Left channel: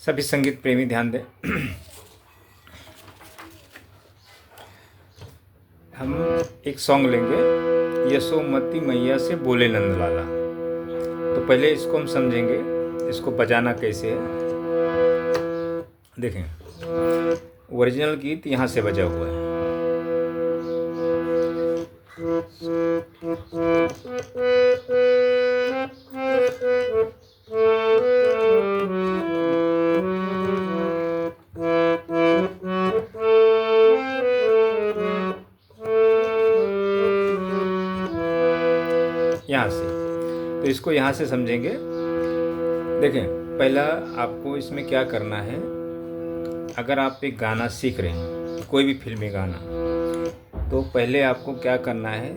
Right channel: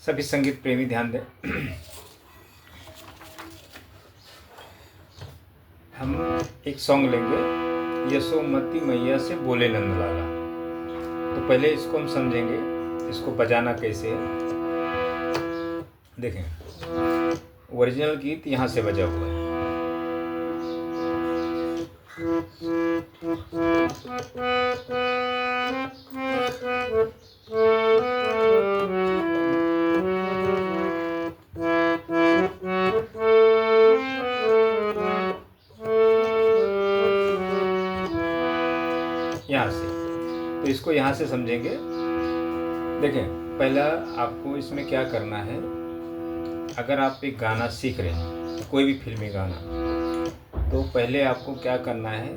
सभी संगीत प्रेमी ध्यान दें। हम एक सॉन्ग लेंगे, यशोमती मैया से बोले नंदलाला। तो पहले इसको हम समझेंगे, इसको बजाना कैसे है। देखें, ओरिजिनल गीत यहाँ से बजा हुआ है। यहाँ से, तो इसको यहाँ से समझेंगे। देखें, पहला आपको इसमें क्या करना है। अगर आप एक गाना सीख रहे हैं, कोई भी फिल्मी गाना, तो पहले आपको क्या करना है,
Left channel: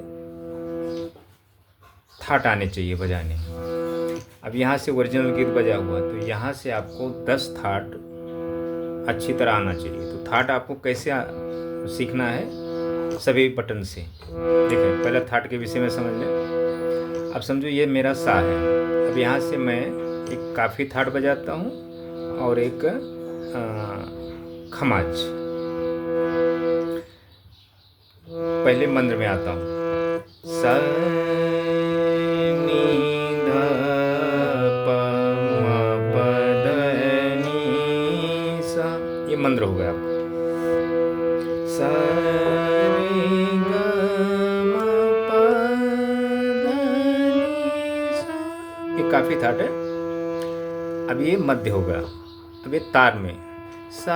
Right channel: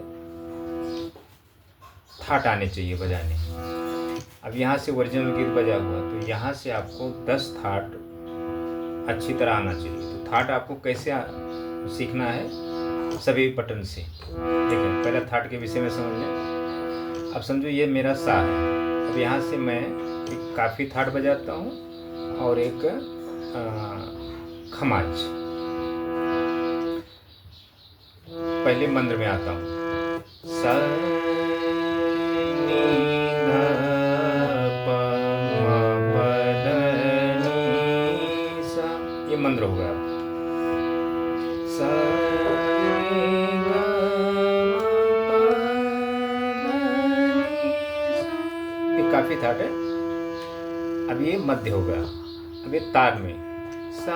थाट आने चाहिए बजाने। अब यहाँ से ओरिजिनल गीत बजा हुआ, तो यहाँ से आपको 10 थाट अच्छी तरह आना चाहिए। तो थाट आपको कैसे सीखना है, सभी बटन से। देखिए, पहले थाट के विषय में समझ लें। अब समझो ये मेरा सा है। अब यहाँ से मैं एक काफ़ी थाट बजाता हूँ और एक खमाज। पहले मंद्र में आता हूँ, सा नी ध प म प द नी सा, ये मंद्र हो गया। सा रे ग म प ध नी सा, ये काफी थाट है। अब ये मध्य हो गया। अब ये तार में सा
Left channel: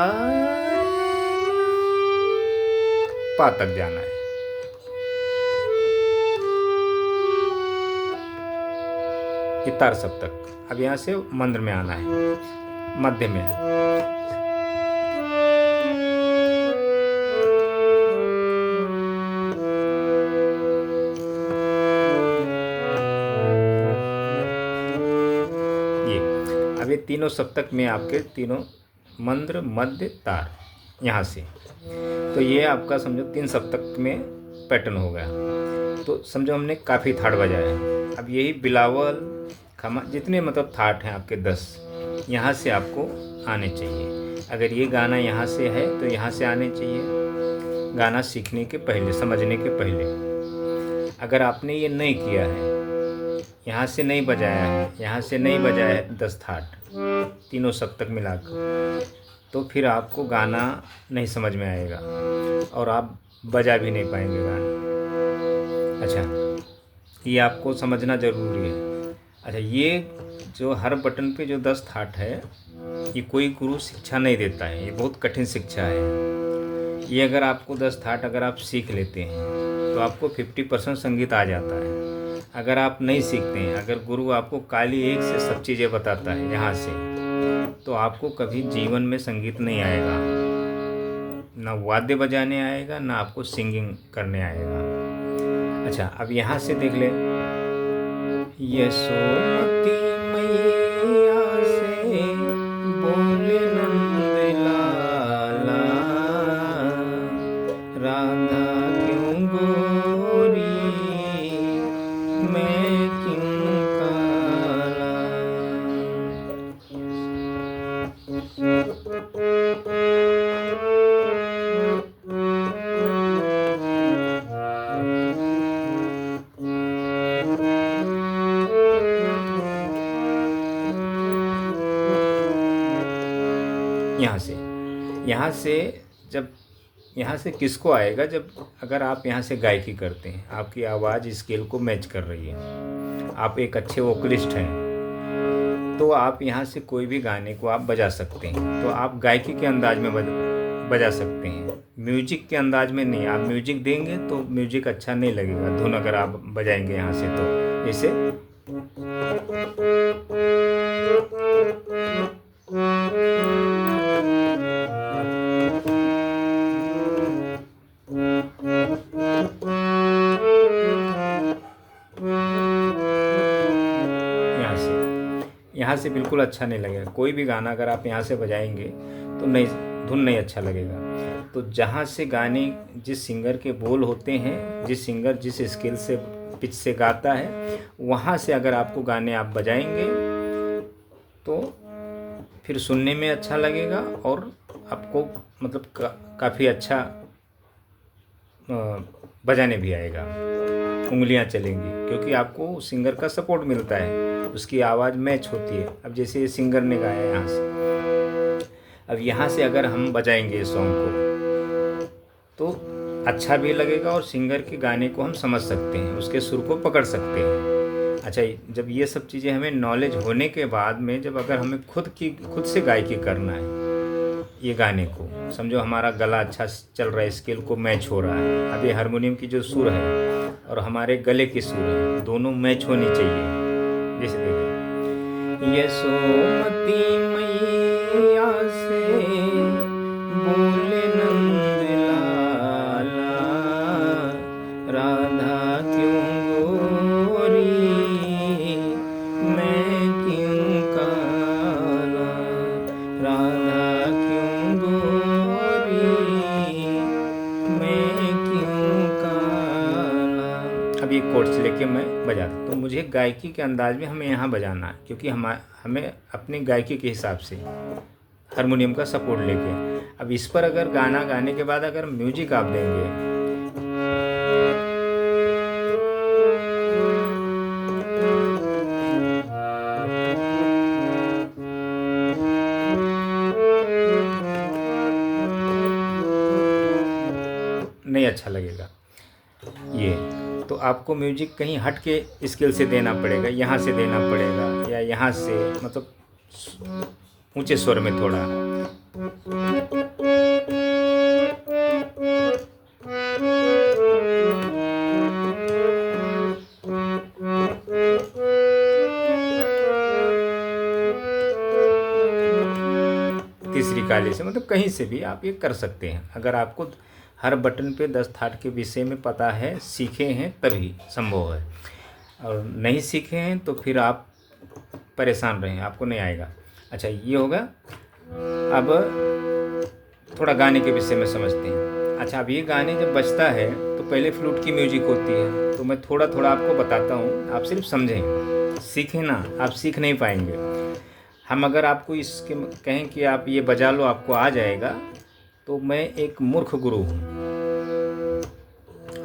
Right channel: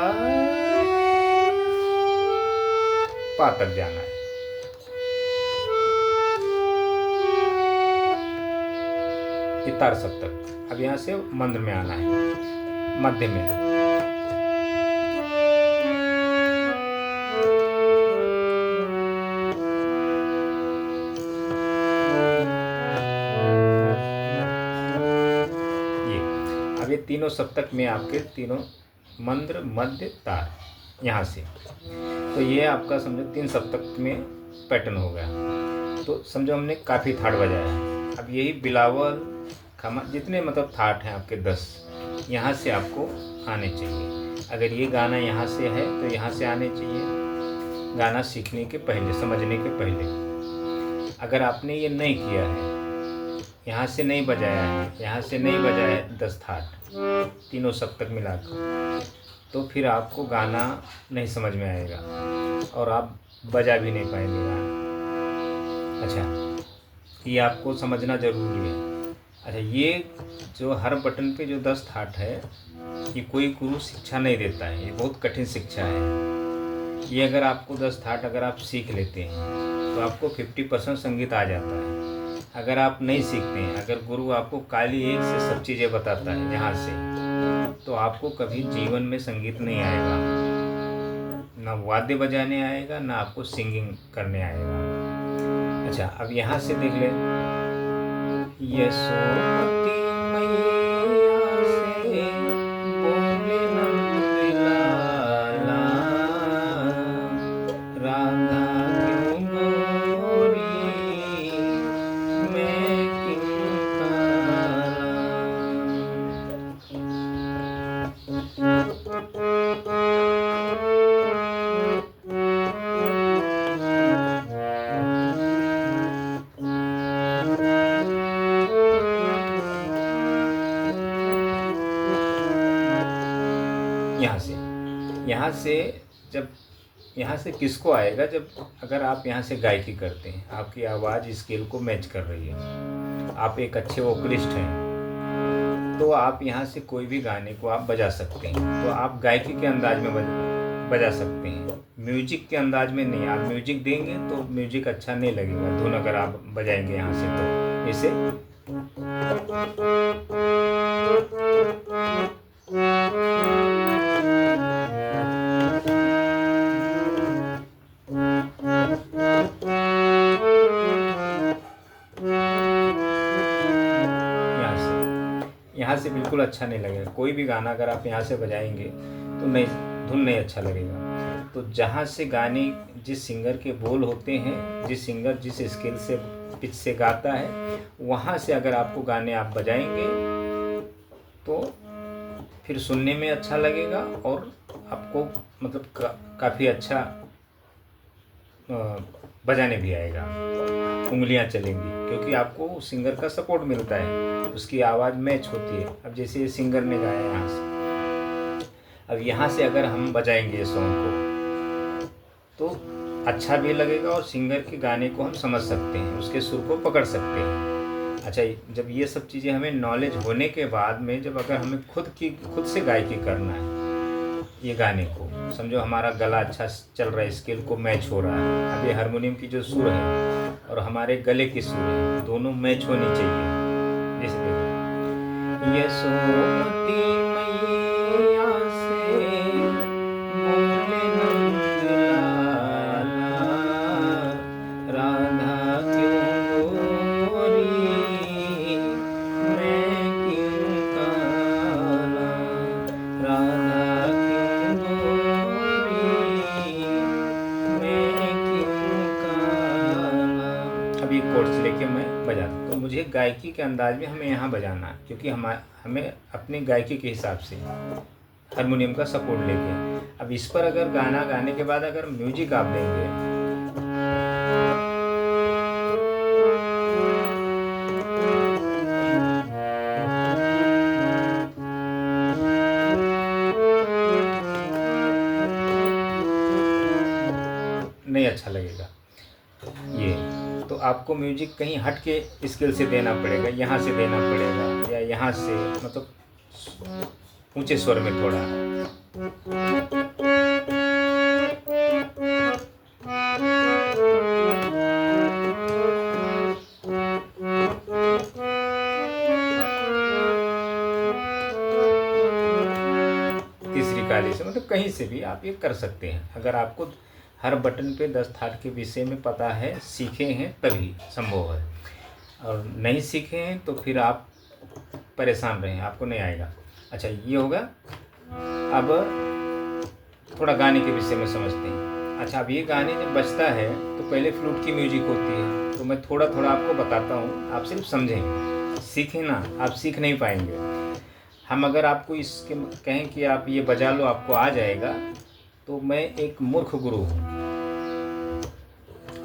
पा तक जाना है। ये तार सब तक। अब यहाँ से मंद्र में आना है, मध्य में। अब ये तीनों सप्तक में आपके तीनों मंद्र, मध्य, तार, यहाँ से। तो ये आपका समझो 3 सप्तक में पैटर्न हो गया। तो समझो हमने काफ़ी थाट बजाया। अब यही बिलावल, खमा, जितने मतलब थाट हैं आपके 10, यहाँ से आपको आने चाहिए। अगर ये गाना यहाँ से है तो यहाँ से आने चाहिए, गाना सीखने के पहले, समझने के पहले। अगर आपने ये नहीं किया है, यहाँ से नहीं बजाया है, यहाँ से नहीं बजाया है 10 थाट तीनों सप्तक मिलाकर, तो फिर आपको गाना नहीं समझ में आएगा और आप बजा भी नहीं पाएंगे गाना। अच्छा, ये आपको समझना ज़रूरी है। अच्छा, ये जो हर बटन पे जो 10 थाट है, ये कोई गुरु शिक्षा नहीं देता है, ये बहुत कठिन शिक्षा है। ये अगर आपको 10 थाट अगर आप सीख लेते हैं तो आपको 50% संगीत आ जाता है। अगर आप नहीं सीखते हैं, अगर गुरु आपको काली एक से सब चीज़ें बताता है यहाँ से, तो आपको कभी जीवन में संगीत नहीं आएगा, ना वाद्य बजाने आएगा, ना आपको सिंगिंग करने आएगा। अच्छा, अब यहाँ से देख ले, यशोमती मैया से बोले नंद लाला, राधा क्यों गोरी मैं क्यों काला। यहाँ से जब यहाँ से किसको आएगा, जब अगर आप यहाँ से गायकी करते हैं, आपकी आवाज़ स्केल को मैच कर रही है, आप एक अच्छे वोकलिस्ट हैं, तो आप यहाँ से कोई भी गाने को आप बजा सकते हैं। तो आप गायकी के अंदाज में बजा सकते हैं, म्यूजिक के अंदाज में नहीं। आप म्यूजिक देंगे तो म्यूजिक अच्छा नहीं लगेगा, धुन अगर आप बजाएंगे यहाँ से, तो जैसे बिल्कुल अच्छा नहीं लगेगा। कोई भी गाना अगर आप यहाँ से बजाएंगे तो नहीं, धुन नहीं अच्छा लगेगा। तो जहाँ से गाने, जिस सिंगर के बोल होते हैं, जिस सिंगर जिस स्केल से, पिच से गाता है, वहाँ से अगर आपको गाने आप बजाएंगे तो फिर सुनने में अच्छा लगेगा और आपको मतलब काफ़ी अच्छा बजाने भी आएगा, उंगलियां चलेंगी, क्योंकि आपको उस सिंगर का सपोर्ट मिलता है, उसकी आवाज़ मैच होती है। अब जैसे ये सिंगर ने गाया यहाँ से, अब यहाँ से अगर हम बजाएंगे सॉन्ग को तो अच्छा भी लगेगा और सिंगर के गाने को हम समझ सकते हैं, उसके सुर को पकड़ सकते हैं। अच्छा, जब ये सब चीज़ें हमें नॉलेज होने के बाद में, जब अगर हमें खुद से गायकी करना है ये गाने को, समझो हमारा गला अच्छा चल रहा है, स्केल को मैच हो रहा है, अब ये हारमोनियम की जो सुर है और हमारे गले की सुर है, दोनों मैच होनी चाहिए। जैसे देखो, यशोमती मैया से बोले नंद लाला, राधा क्यों गोरी, मैं क्यों काला, राधा क्यों गोरी, मैं क्यों काला। अब ये कोर्स लेके मैं बजाता, तो मुझे गायकी के अंदाज में हमें यहाँ बजाना है, क्योंकि हमें अपनी गायकी के हिसाब से हारमोनियम का सपोर्ट लेके। अब इस पर अगर गाना गाने के बाद अगर म्यूजिक आप देंगे, नहीं अच्छा लगेगा ये। तो आपको म्यूजिक कहीं हट के स्केल से देना पड़ेगा, यहाँ से देना पड़ेगा, या यहाँ से, मतलब ऊंचे स्वर में थोड़ा। तीसरी काली से, मतलब कहीं से भी आप ये कर सकते हैं। अगर आपको हर बटन पे 10 थाट के विषय में पता है, सीखे हैं, तभी संभव है, और नहीं सीखे हैं तो फिर आप परेशान रहें, आपको नहीं आएगा। अच्छा, ये होगा। अब थोड़ा गाने के विषय में समझते हैं। अच्छा, अब ये गाने जब बजता है तो पहले फ्लूट की म्यूजिक होती है, तो मैं थोड़ा थोड़ा आपको बताता हूँ, आप सिर्फ समझें, सीखें ना, आप सीख नहीं पाएंगे। हम अगर आपको इसके कहें कि आप ये बजा लो आपको आ जाएगा, तो मैं एक मूर्ख गुरु हूँ।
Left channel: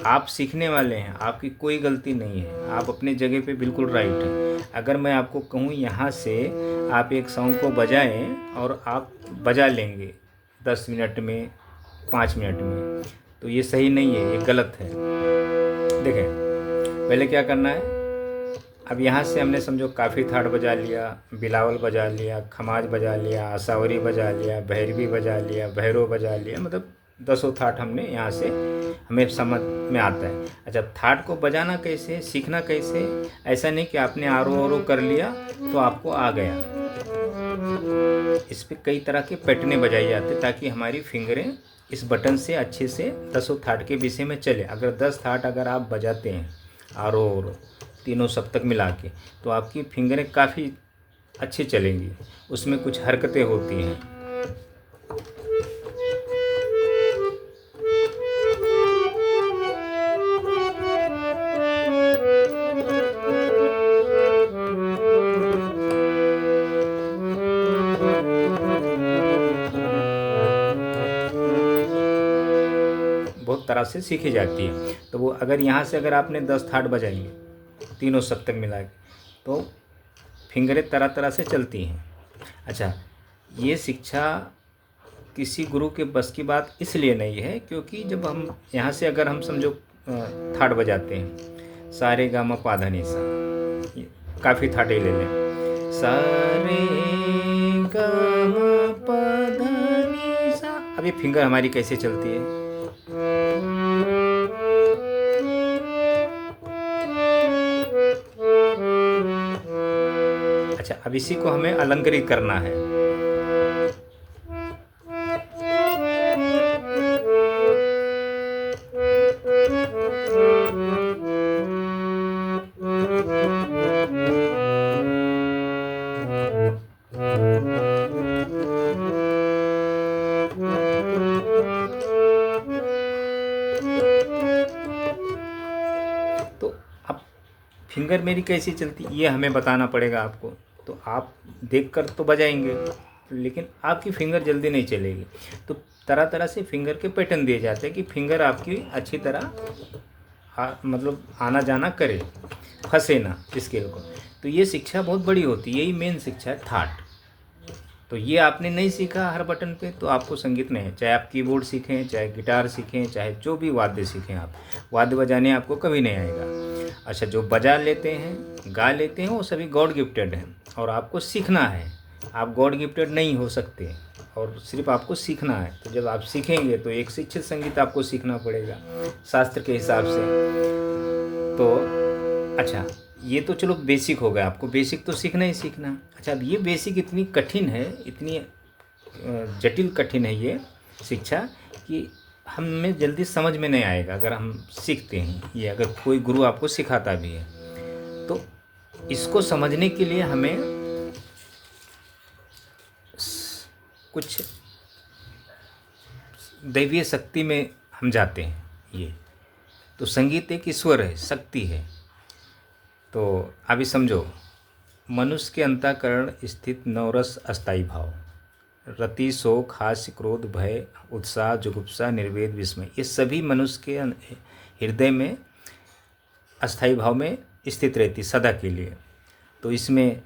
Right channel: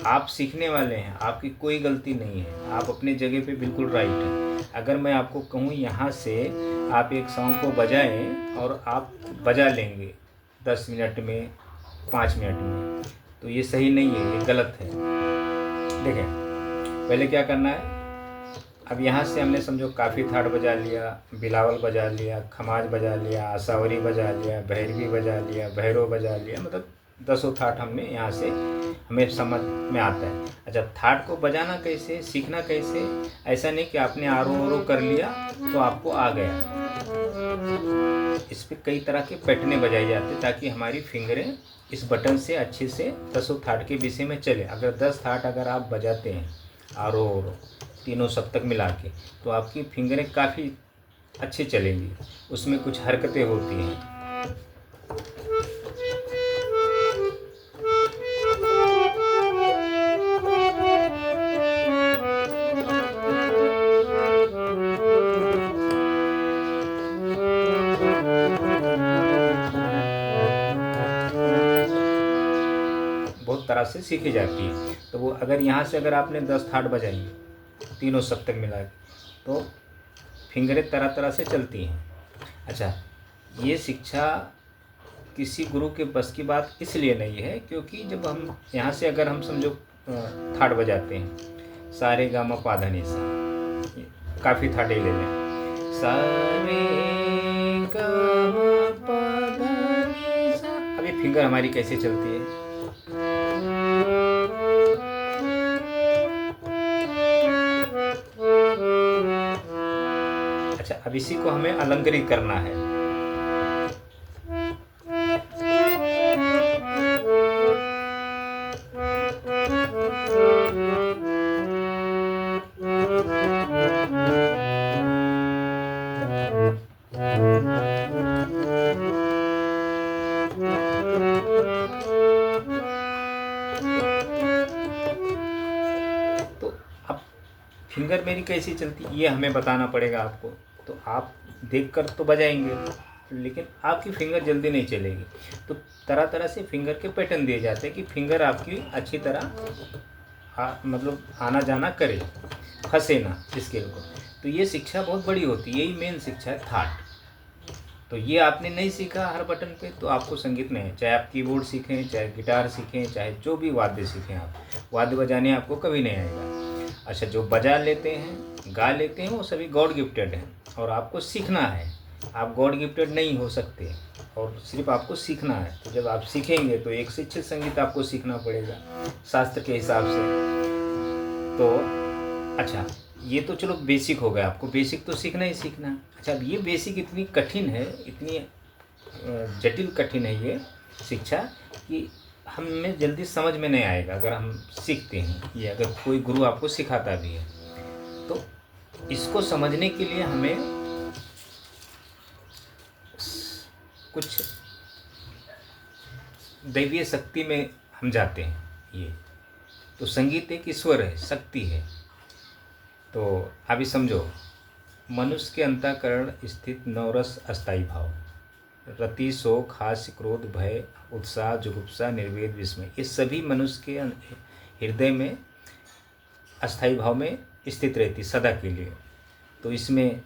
आप सीखने वाले हैं, आपकी कोई गलती नहीं है, आप अपने जगह पे बिल्कुल राइट हैं। अगर मैं आपको कहूँ यहाँ से आप एक सॉन्ग को बजाएं और आप बजा लेंगे 10 मिनट में, 5 मिनट में, तो ये सही नहीं है, ये गलत है। देखें, पहले क्या करना है। अब यहाँ से हमने समझो काफ़ी थाट बजा लिया, बिलावल बजा लिया, खमाज बजा लिया, आसावरी बजा लिया, भैरवी बजा लिया, भैरव बजा लिया, मतलब 10 थाट हमने यहाँ से हमें समझ में आता है। अच्छा, थाट को बजाना कैसे, सीखना कैसे, ऐसा नहीं कि आपने आरो कर लिया तो आपको आ गया। इस पर कई तरह के पैटर्न बजाए जाते ताकि हमारी फिंगरें इस बटन से अच्छे से 10 थाट के विषय में चले। अगर 10 थाट अगर आप बजाते हैं आरो तीनों सप्तक मिला के, तो आपकी फिंगरें काफ़ी अच्छी चलेंगी, उसमें कुछ हरकतें होती हैं। बहुत तरह से सीखी जाती है। तो वो अगर यहाँ से अगर आपने 10 थाट बजाएंगे तीनों सप्तक मिला के, तो फिंगरें तरह तरह से चलती हैं। अच्छा, ये शिक्षा किसी गुरु के बस की बात इसलिए नहीं है, क्योंकि जब हम यहाँ से अगर हम समझो थाट बजाते हैं, सारे गा मा पा धा नि सा, काफ़ी थाटे ले लें, सारे गा मा पा धा नि सा। अब ये फिंगर हमारी कैसे चलती है, अच्छा, अब इसी को हमें अलंकृत करना है। फिंगर मेरी कैसी चलती ये हमें बताना पड़ेगा आपको। तो आप देख कर तो बजाएंगे, लेकिन आपकी फिंगर जल्दी नहीं चलेगी। तो तरह तरह से फिंगर के पैटर्न दिए जाते हैं कि फिंगर आपकी अच्छी तरह मतलब आना जाना करे, फंसे ना स्केल को। तो ये शिक्षा बहुत बड़ी होती है, यही मेन शिक्षा है थाट। तो ये आपने नहीं सीखा हर बटन पे तो आपको संगीत नहीं है। चाहे आप कीबोर्ड सीखें, चाहे गिटार सीखें, चाहे जो भी वाद्य सीखें, आप वाद्य बजाने आपको कभी नहीं आएगा। अच्छा, जो बजा लेते हैं, गा लेते हैं, वो सभी गॉड गिफ्टेड हैं और आपको सीखना है। आप गॉड गिफ्टेड नहीं हो सकते और सिर्फ आपको सीखना है। तो जब आप सीखेंगे तो एक शिक्षित संगीत आपको सीखना पड़ेगा शास्त्र के हिसाब से। तो अच्छा, ये तो चलो बेसिक हो गया, आपको बेसिक तो सीखना ही सीखना। अच्छा, अब ये बेसिक इतनी कठिन है, इतनी जटिल कठिन है ये शिक्षा कि हमें जल्दी समझ में नहीं आएगा अगर हम सीखते हैं ये, अगर कोई गुरु आपको सिखाता भी है। तो इसको समझने के लिए हमें कुछ दैवीय शक्ति में हम जाते हैं। ये तो संगीत एक ईश्वर है, शक्ति है। तो अभी समझो, मनुष्य के अंतःकरण स्थित नवरस अस्थायी भाव, रति, शोक, हास्य, क्रोध, भय, उत्साह, जुगुप्सा, निर्वेद, विस्मय, ये सभी मनुष्य के हृदय में अस्थायी भाव में स्थित रहती सदा के लिए। तो इसमें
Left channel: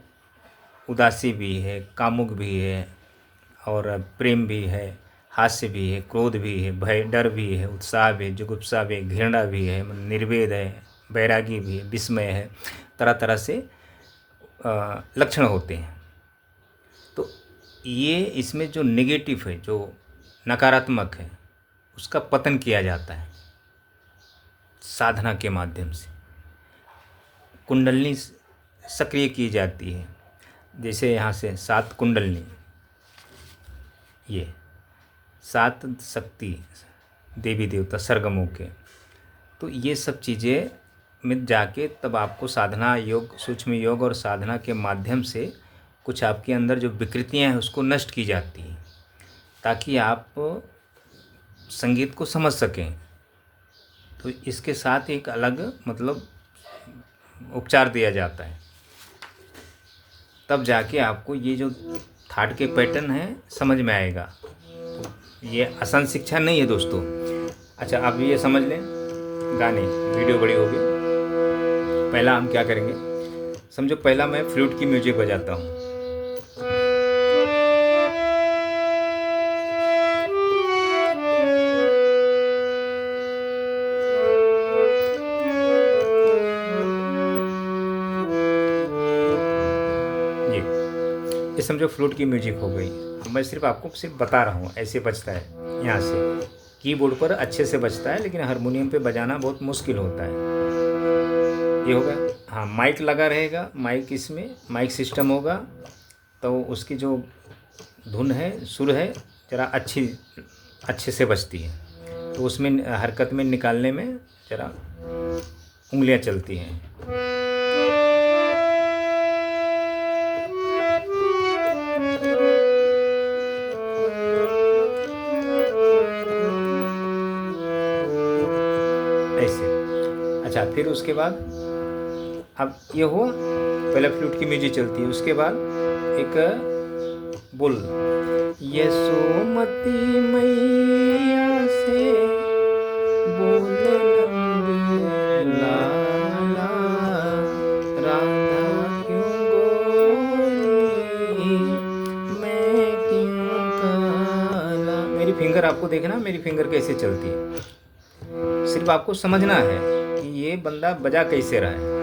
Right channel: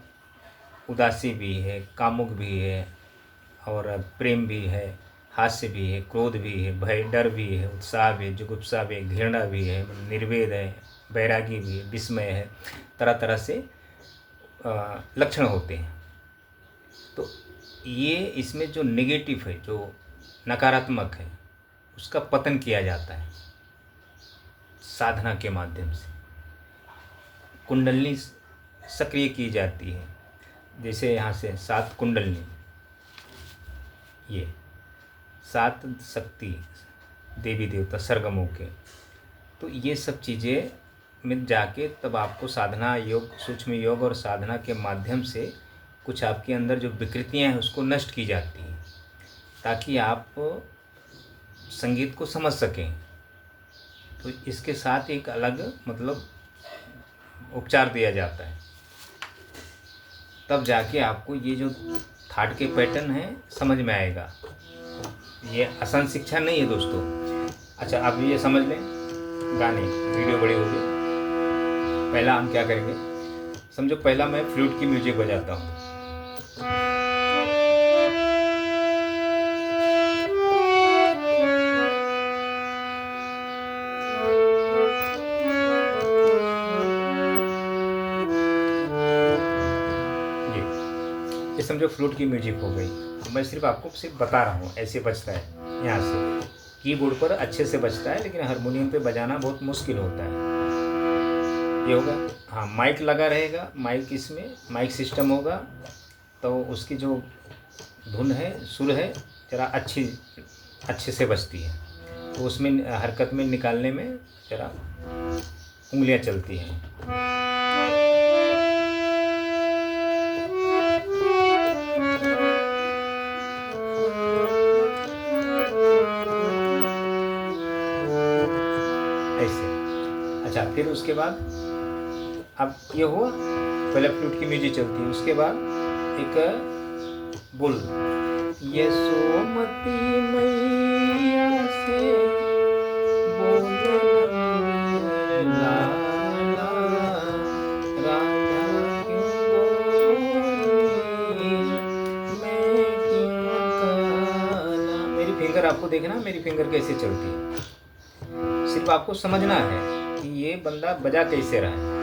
उदासी भी है, कामुक भी है, और प्रेम भी है, हास्य भी है, क्रोध भी है, भय, डर भी है, उत्साह भी, जुगुप्सा भी, घृणा भी है, निर्वेद है, वैरागी भी है, विस्मय है। तरह तरह से लक्षण होते हैं। तो ये इसमें जो नेगेटिव है, जो नकारात्मक है, उसका पतन किया जाता है साधना के माध्यम से। कुंडलनी सक्रिय की जाती है, जैसे यहाँ से 7 कुंडलनी, ये 7 शक्ति देवी देवता सरगमों के। तो ये सब चीज़ें में जाके तब आपको साधना योग, सूक्ष्म योग और साधना के माध्यम से कुछ आपके अंदर जो विकृतियां हैं उसको नष्ट की जाती हैं, ताकि आप संगीत को समझ सकें। तो इसके साथ एक अलग मतलब उपचार दिया जाता है, तब जाके आपको ये जो थाट के पैटर्न है समझ में आएगा। ये आसान शिक्षा नहीं है दोस्तों। अच्छा, आप ये समझ लें, गाने वीडियो बड़ी होगी। पहला हम क्या करेंगे, समझो पहला मैं फ्लूट की म्यूजिक बजाता हूँ। ये समझो फ्लूट की म्यूजिक हो गई। अब मैं सिर्फ आपको सिर्फ बता रहा हूँ ऐसे बजता है। यहाँ से कीबोर्ड पर अच्छे से बजता है, लेकिन हारमोनियम पे बजाना बहुत मुश्किल होता है। ये होगा। हाँ, माइक लगा रहेगा, माइक इसमें माइक सिस्टम होगा, तो उसकी जो धुन है, सुर है, जरा अच्छे से बजती है। तो उसमें हरकत में निकालने में जरा उंगलियां चलती हैं। ऐसे। अच्छा, फिर उसके बाद अब ये हुआ, पहले फ्लूट की म्यूजिक चलती है, उसके बाद एक बोल, यशोमती मैया से बोले लाला, राधा क्यों गोरी, मैं क्यों काला। मेरी फिंगर आपको देखना, मेरी फिंगर कैसे चलती है, सिर्फ आपको समझना है कि ये बंदा बजा कैसे रहा है।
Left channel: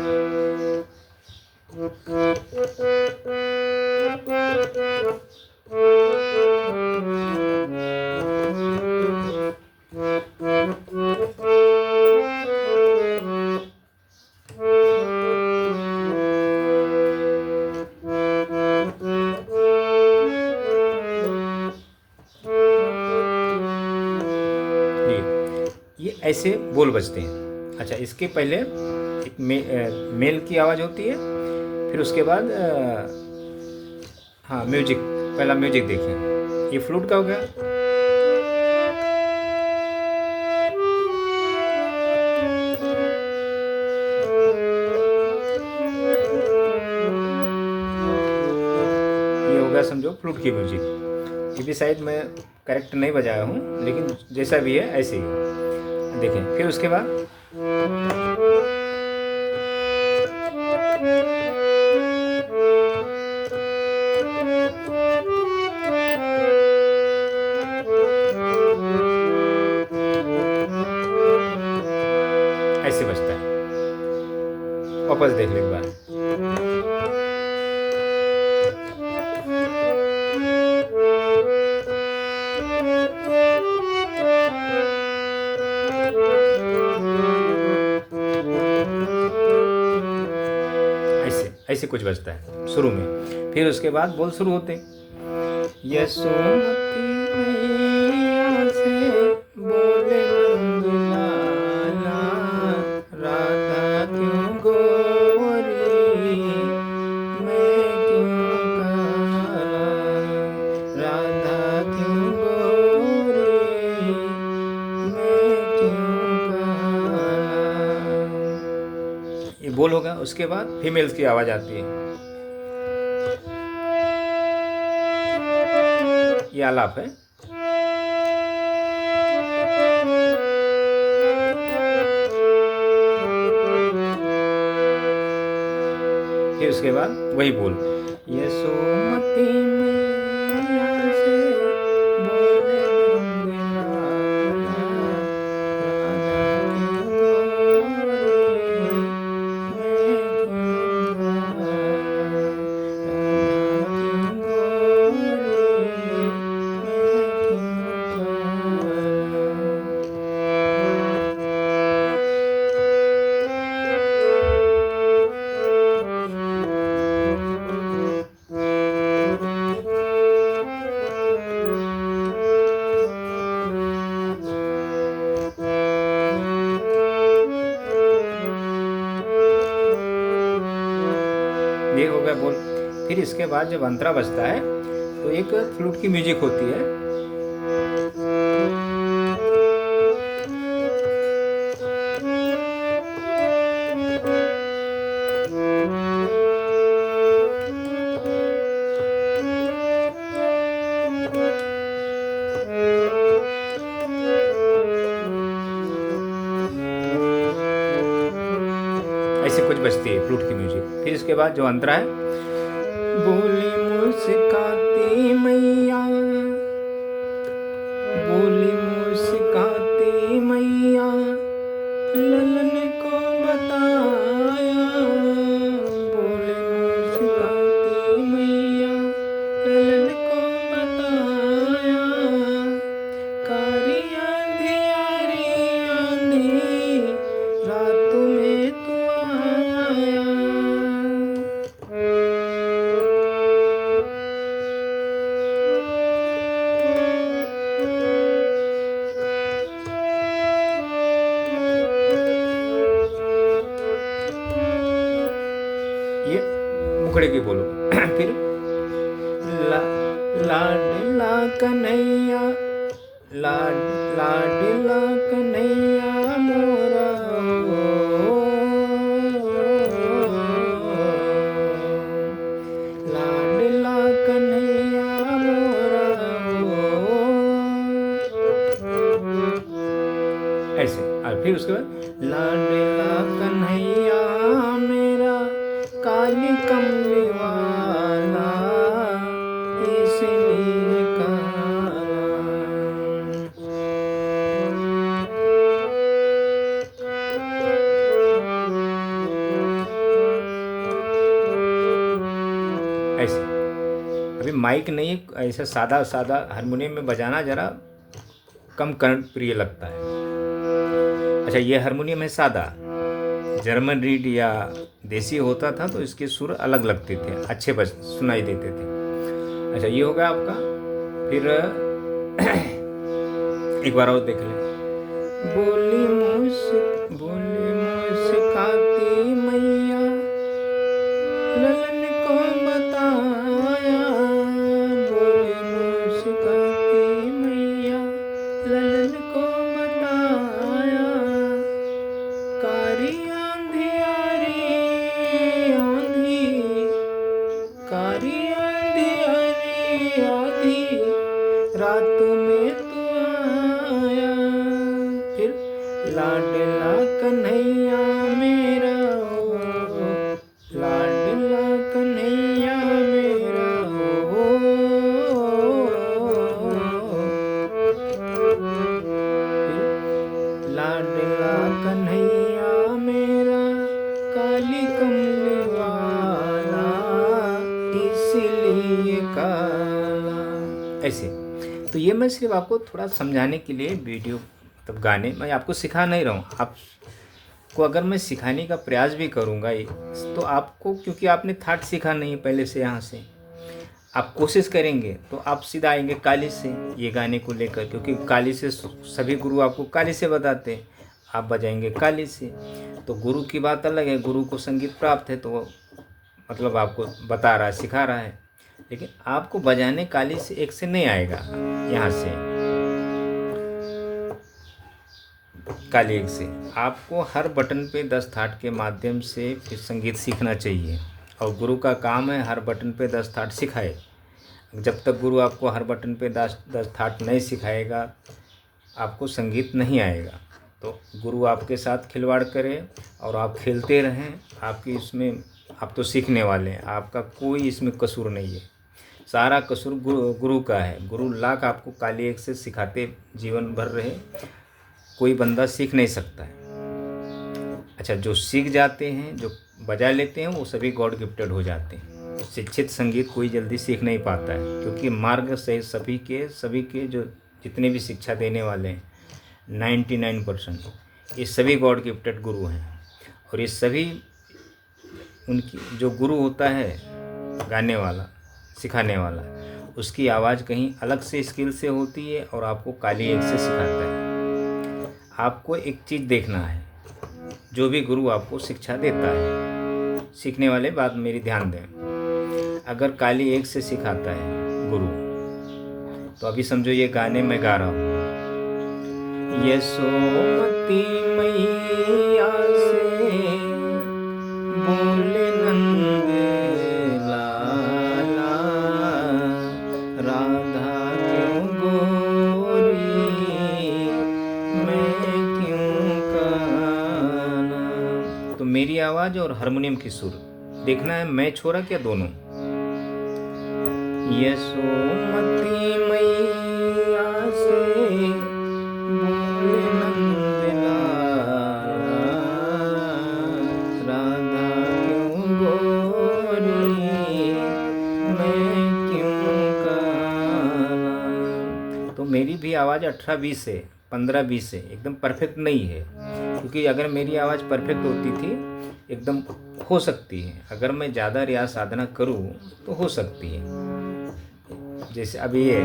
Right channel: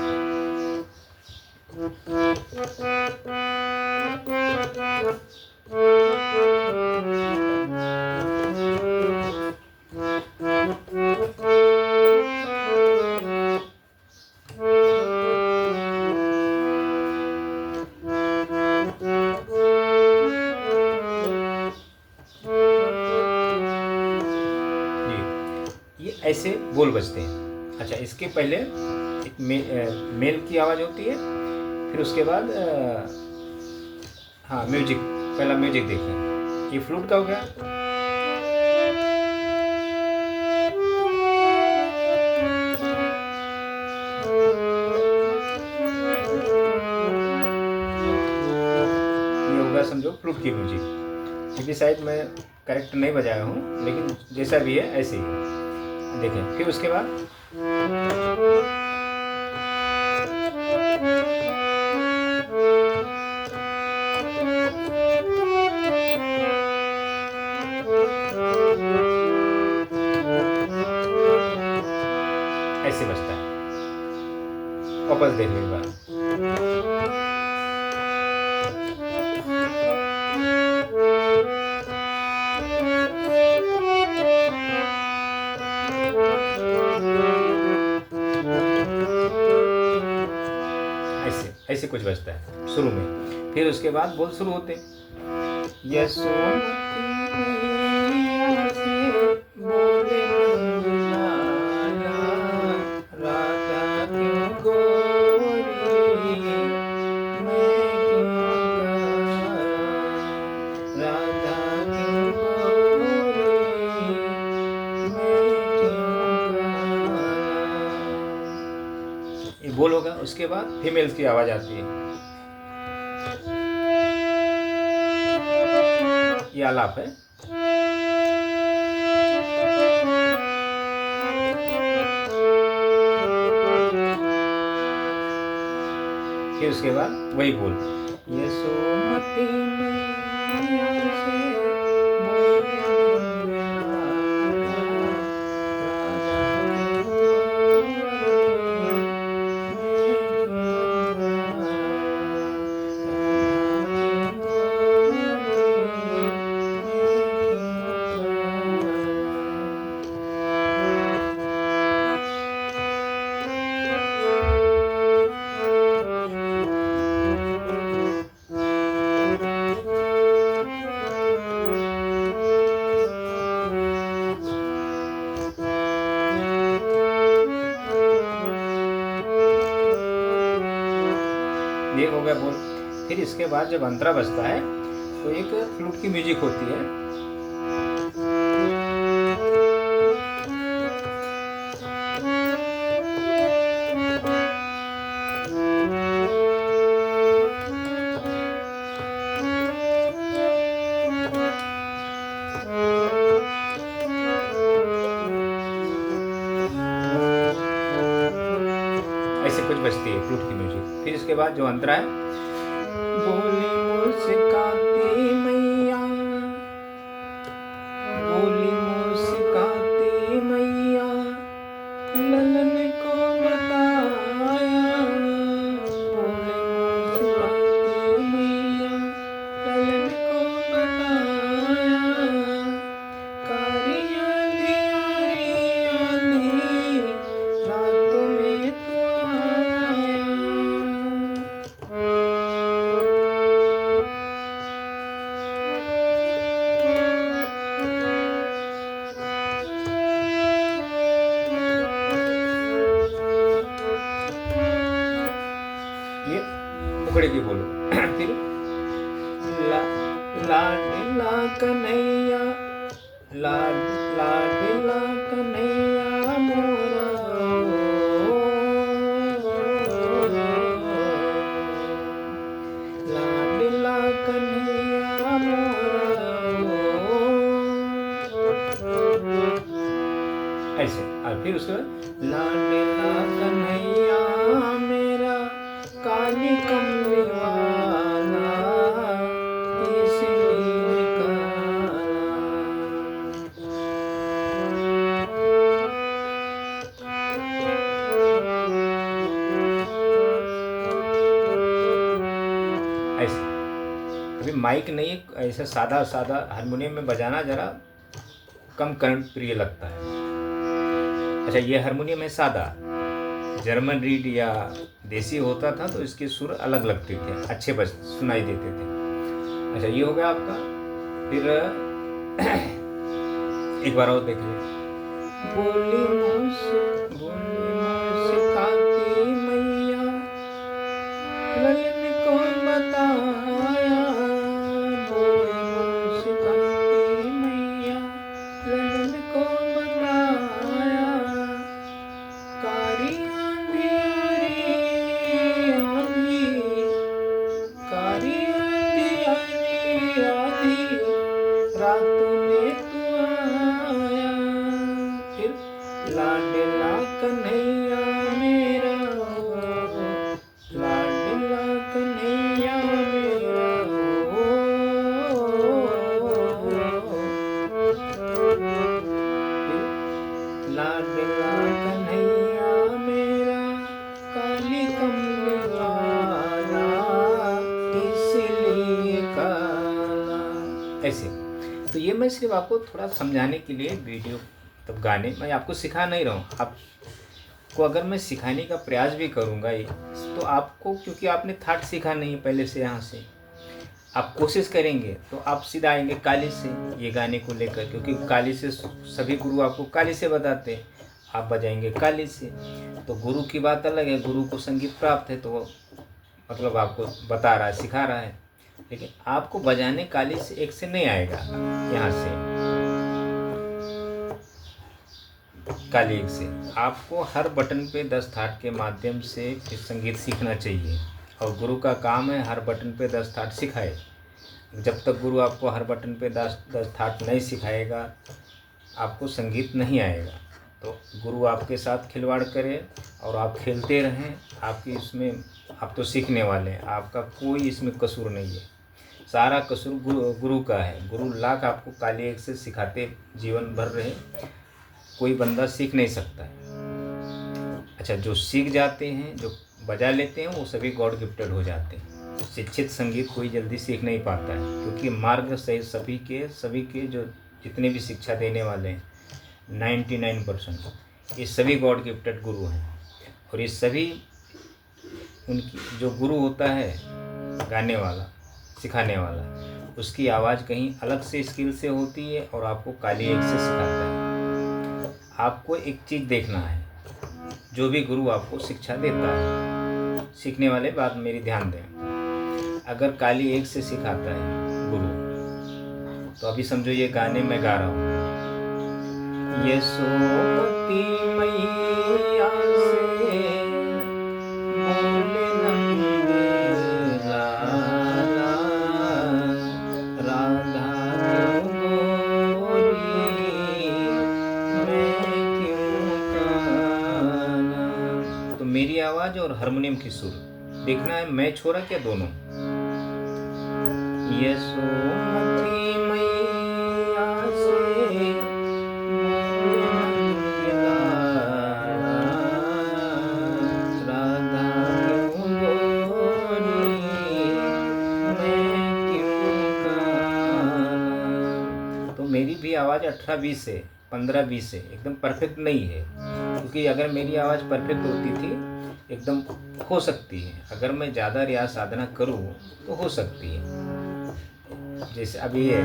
ये ऐसे बोल बजते हैं। अच्छा, इसके पहले एक मेल की आवाज़ होती है, फिर उसके बाद हाँ म्यूजिक, पहला म्यूजिक देखें। ये फ्लूट का हो गया। फ्लूट की म्यूजिक। ये भी शायद मैं करेक्ट नहीं बजाया हूँ, लेकिन जैसा भी है ऐसे ही है। देखें, फिर उसके बाद ऐसे बजता है। वापस देख लें एक बार। ऐसे ऐसे कुछ बजता है शुरू में। फिर उसके बाद बोल शुरू होते हैं, यशोमती मैया से बोले मंगलाला, राधा क्यों गोरी, मैं क्यों काला, राधा क्यों गोरी, मैं क्यों काला। ये बोल होगा। उसके बाद फीमेल्स की आवाज़ आती है, ये आलाप है। फिर उसके बाद वही बोल, यशोमती मैया से बोले मंगलाला, राधा क्यों गोरी, मैं क्यों काला, राधा क्यों गोरी, मैं क्यों ये हो गया बोल। फिर इसके बाद जब अंतरा बजता है तो एक फ्लूट की म्यूजिक होती है। ऐसे कुछ बजती है फ्लूट की म्यूजिक। फिर इसके बाद जो अंतरा है, बोली मुस्काती मैया, बोली मुस्काती मैया, ललन को बताया, बोली मुस्काती मैया, ललन को बताया, कारी अंधियारी आंधी रात में तो आया। ये मुखड़े की बोलो। फिर ला लाडला कन्हैया, लाडला कन्हैया मोरा, लाडला कन्हैया मोरा। ऐसे। और फिर उसके बाद लाडला कन्हैया मेरा, काली कमली वाला, इसलिए काला। ऐसे। अभी माइक नहीं, ऐसा सादा सादा हारमोनियम में बजाना जरा कम कर्णप्रिय लगता है। अच्छा, ये हारमोनियम है सादा। जर्मन रीड या देसी होता था तो इसके सुर अलग लगते थे, अच्छे बज सुनाई देते थे। अच्छा, ये होगा आपका। फिर एक बार और देख लें। बोली मुस्काती मैया, ललन को बताया, बोली मुस्काती मैया, ललन को बताया, कारी अंधियारी आंधी, कारी अंधियारी लाडला कन्हैया मेरा, लाडला कन्हैया मेरा हो। लाडला कन्हैया मेरा, काली कमली वाला, इसलिए काला। ऐसे तो ये मैं सिर्फ आपको थोड़ा समझाने के लिए वीडियो मतलब गाने मैं आपको सिखा नहीं रहा हूँ। आपको अगर मैं सिखाने का प्रयास भी करूँगा ये तो आपको, क्योंकि आपने थाट सीखा नहीं है पहले से, यहाँ से आप कोशिश करेंगे तो आप सीधा आएंगे काली से ये गाने को लेकर, क्योंकि काली से सभी गुरु आपको काली से बताते हैं, आप बजाएंगे काली से। तो गुरु की बात अलग है, गुरु को संगीत प्राप्त है तो वो मतलब आपको बता रहा है, सिखा रहा है, लेकिन आपको बजाने काली से एक से नहीं आएगा। यहाँ से काली एक से आपको हर बटन पे 10 थाट के माध्यम से फिर संगीत सीखना चाहिए, और गुरु का काम है हर बटन पे 10 थाट सिखाए। जब तक गुरु आपको हर बटन पे 10 थाट नहीं सिखाएगा आपको संगीत नहीं आएगा। तो गुरु आपके साथ खिलवाड़ करे और आप खेलते रहें, आपकी इसमें आप तो सीखने वाले हैं, आपका कोई इसमें कसूर नहीं है, सारा कसूर गुरु का है। गुरु लाख आपको काली एक से सिखाते जीवन भर रहे, कोई बंदा सीख नहीं सकता है। अच्छा, जो सीख जाते हैं, जो बजा लेते हैं, वो सभी गॉड गिफ्टेड हो जाते हैं। शिक्षित संगीत कोई जल्दी सीख नहीं पाता है, क्योंकि मार्ग से सभी के जो जितने भी शिक्षा देने वाले हैं 99% ये सभी गॉड गिफ्टेड गुरु हैं। और ये सभी उनकी जो गुरु होता है गाने वाला, सिखाने वाला, उसकी आवाज़ कहीं अलग से स्किल से होती है और आपको काली एक से सिखाता है। आपको एक चीज़ देखना है, जो भी गुरु आपको शिक्षा देता है, सीखने वाले बात मेरी ध्यान दें, अगर काली एक से सिखाता है गुरु, तो अभी समझो ये गाने में गा रहा हूँ, यशोमती मैया से बोले नंद लाला, राधा क्यों गोरी, मैं क्यों काला। तो मेरी आवाज़ और हारमोनियम की सुर देखना है, मैच हो रहा क्या दोनों। यशोमती मैया से बोले नंद लाला, राधा क्यों गोरी, मैं क्यों काला। तो मेरी भी आवाज़ 18-20 है, 15-20 है, एकदम परफेक्ट नहीं है, क्योंकि अगर मेरी आवाज़ परफेक्ट होती थी एकदम हो सकती है, अगर मैं ज़्यादा रियाज साधना करूँ तो हो सकती है। जैसे अभी है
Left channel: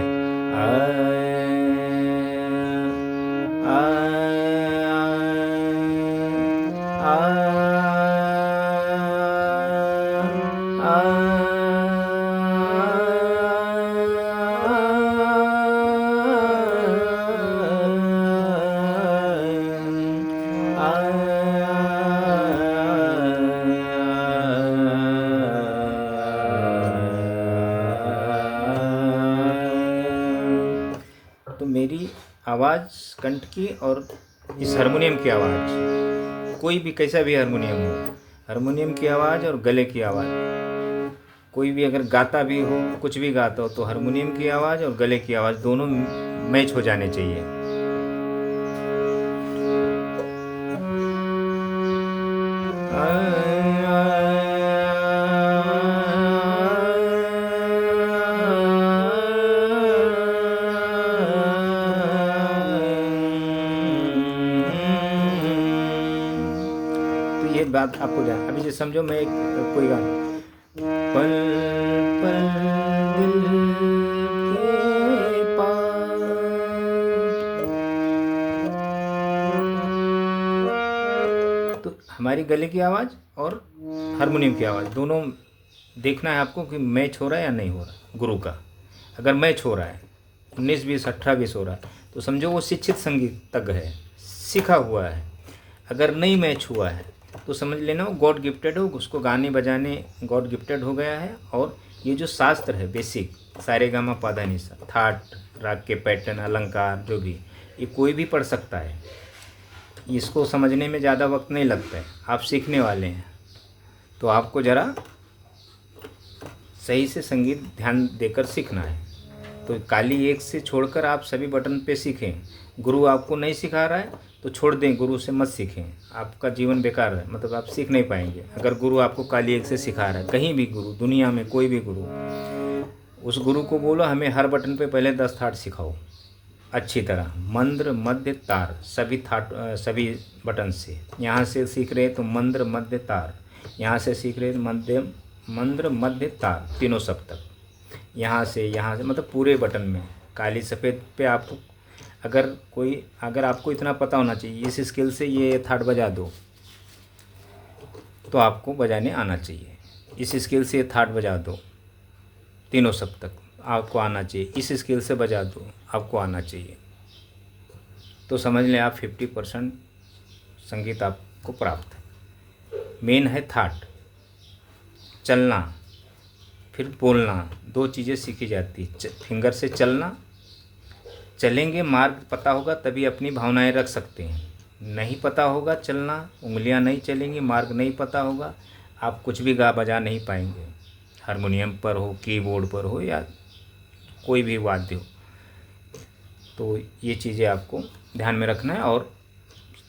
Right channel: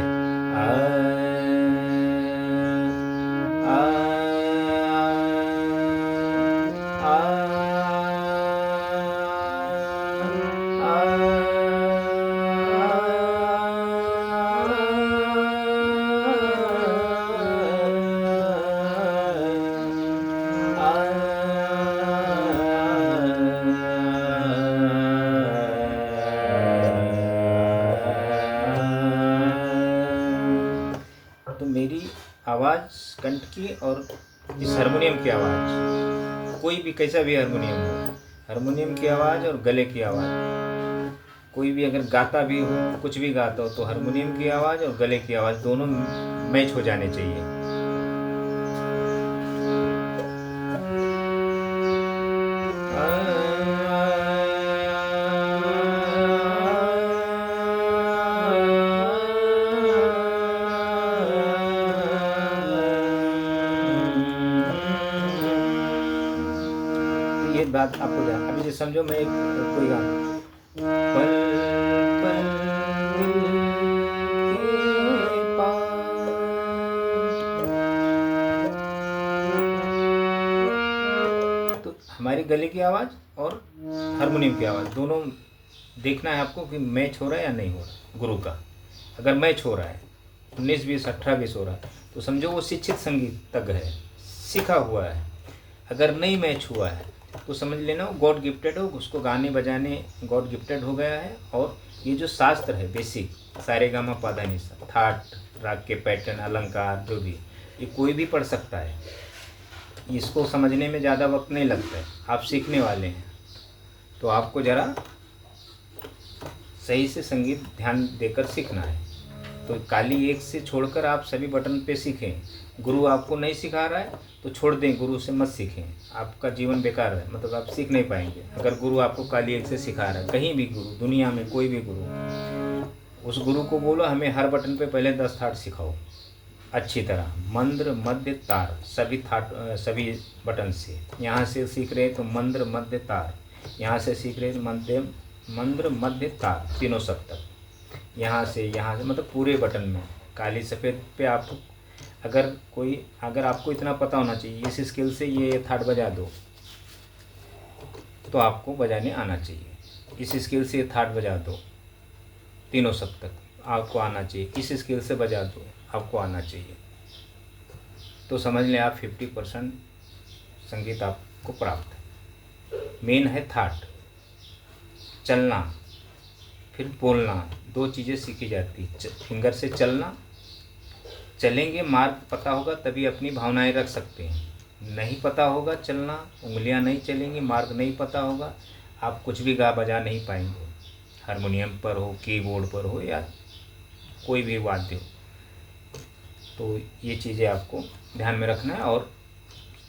तो मेरी आवाज़ कंठ की और इस हारमोनियम की आवाज़, कोई भी कैसा भी हारमोनियम हो, हारमोनियम की आवाज़ और गले की आवाज़, कोई भी अगर गाता भी हो, कुछ भी गाता हो, तो हारमोनियम की आवाज़ और गले की आवाज़ दोनों मैच हो जाने चाहिए। ये बात आपको जान, अभी जो समझो मैं एक कोई गाना, पल पल दिल के पास, तो हमारी गले की आवाज़ और हारमोनियम की आवाज़ दोनों देखना है आपको कि मैच हो रहा है या नहीं हो रहा। गुरु का अगर मैच हो रहा है, 19-20 18-20 हो रहा है, तो समझो वो शिक्षित संगीतज्ञ है, सीखा हुआ है। अगर नहीं मैच हुआ है तो समझ लेना वो गॉड गिफ्टेड हो, उसको गाने बजाने गॉड गिफ्टेड हो गया है। और ये जो शास्त्र है बेसिक, सारे गामा पाधा निसा, थाट, राग के पैटर्न, अलंकार, जो भी, ये कोई भी पढ़ सकता है। इसको समझने में ज़्यादा वक्त नहीं लगता है, आप सीखने वाले हैं, तो आपको ज़रा सही से संगीत ध्यान देकर सीखना है। तो काली एक से छोड़कर आप सभी बटन पे सीखें। गुरु आपको नहीं सिखा रहा है तो छोड़ दें, गुरु से मत सीखें, आपका जीवन बेकार है, मतलब आप सीख नहीं पाएंगे। अगर गुरु आपको काली एक से सिखा रहा है, कहीं भी गुरु, दुनिया में कोई भी गुरु, उस गुरु को बोलो हमें हर बटन पे पहले 10 थाट सिखाओ अच्छी तरह, मंद्र मध्य तार, सभी बटन से। यहाँ से सीख रहे तो मंद्र मध्य तार, यहाँ से सीख रहे मंद्र मध्य तार, तीनों सप्तक, यहाँ से मतलब पूरे बटन में काली सफ़ेद पे आपको अगर आपको इतना पता होना चाहिए, इस स्केल से ये थाट बजा दो तो आपको बजाने आना चाहिए, इस स्केल से ये थाट बजा दो, तीनों सप्तक आपको आना चाहिए, इस स्केल से बजा दो आपको आना चाहिए। तो समझ लें आप 50% संगीत आपको प्राप्त है। मेन है थाट, चलना फिर बोलना, 2 चीज़ें सीखी जाती है। फिंगर से चलना, चलेंगे मार्ग पता होगा तभी अपनी भावनाएं रख सकते हैं, नहीं पता होगा चलना, उंगलियां नहीं चलेंगी, मार्ग नहीं पता होगा, आप कुछ भी गा बजा नहीं पाएंगे, हारमोनियम पर हो, कीबोर्ड पर हो या कोई भी वाद्य हो। तो ये चीज़ें आपको ध्यान में रखना है। और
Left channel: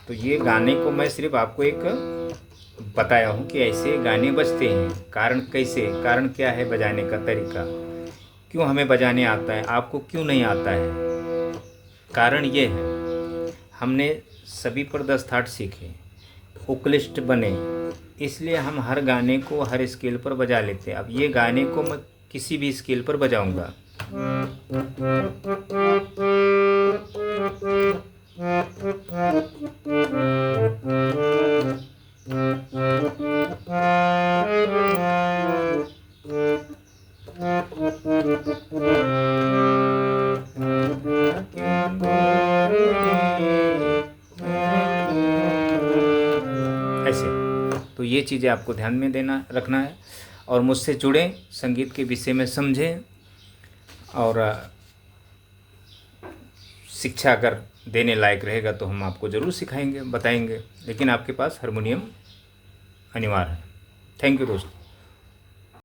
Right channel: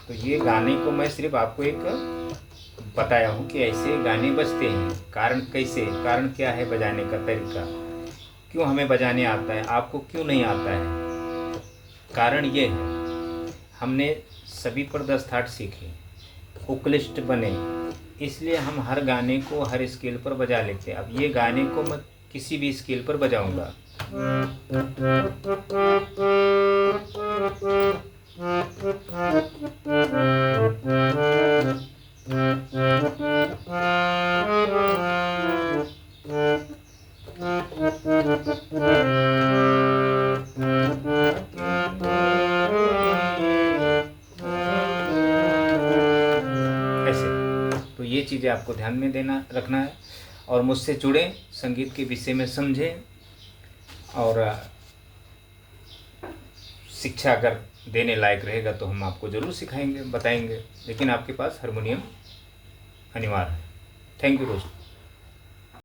तो ये गाने को मैं सिर्फ आपको एक बताया हूँ कि ऐसे गाने बजते हैं, कारण क्या है बजाने का तरीका, क्यों हमें बजाने आता है, आपको क्यों नहीं आता है। कारण ये है हमने सभी पर 10 थाट सीखे, उक्लिष्ट बने, इसलिए हम हर गाने को हर स्केल पर बजा लेते हैं। अब ये गाने को मैं किसी भी स्केल पर बजाऊंगा, ऐसे। तो ये चीज़ें आपको ध्यान में रखना है और मुझसे जुड़ें, संगीत के विषय में समझें और शिक्षा अगर देने लायक रहेगा तो हम आपको ज़रूर सिखाएंगे, बताएंगे, लेकिन आपके पास हारमोनियम अनिवार्य है। थैंक यू दोस्तों।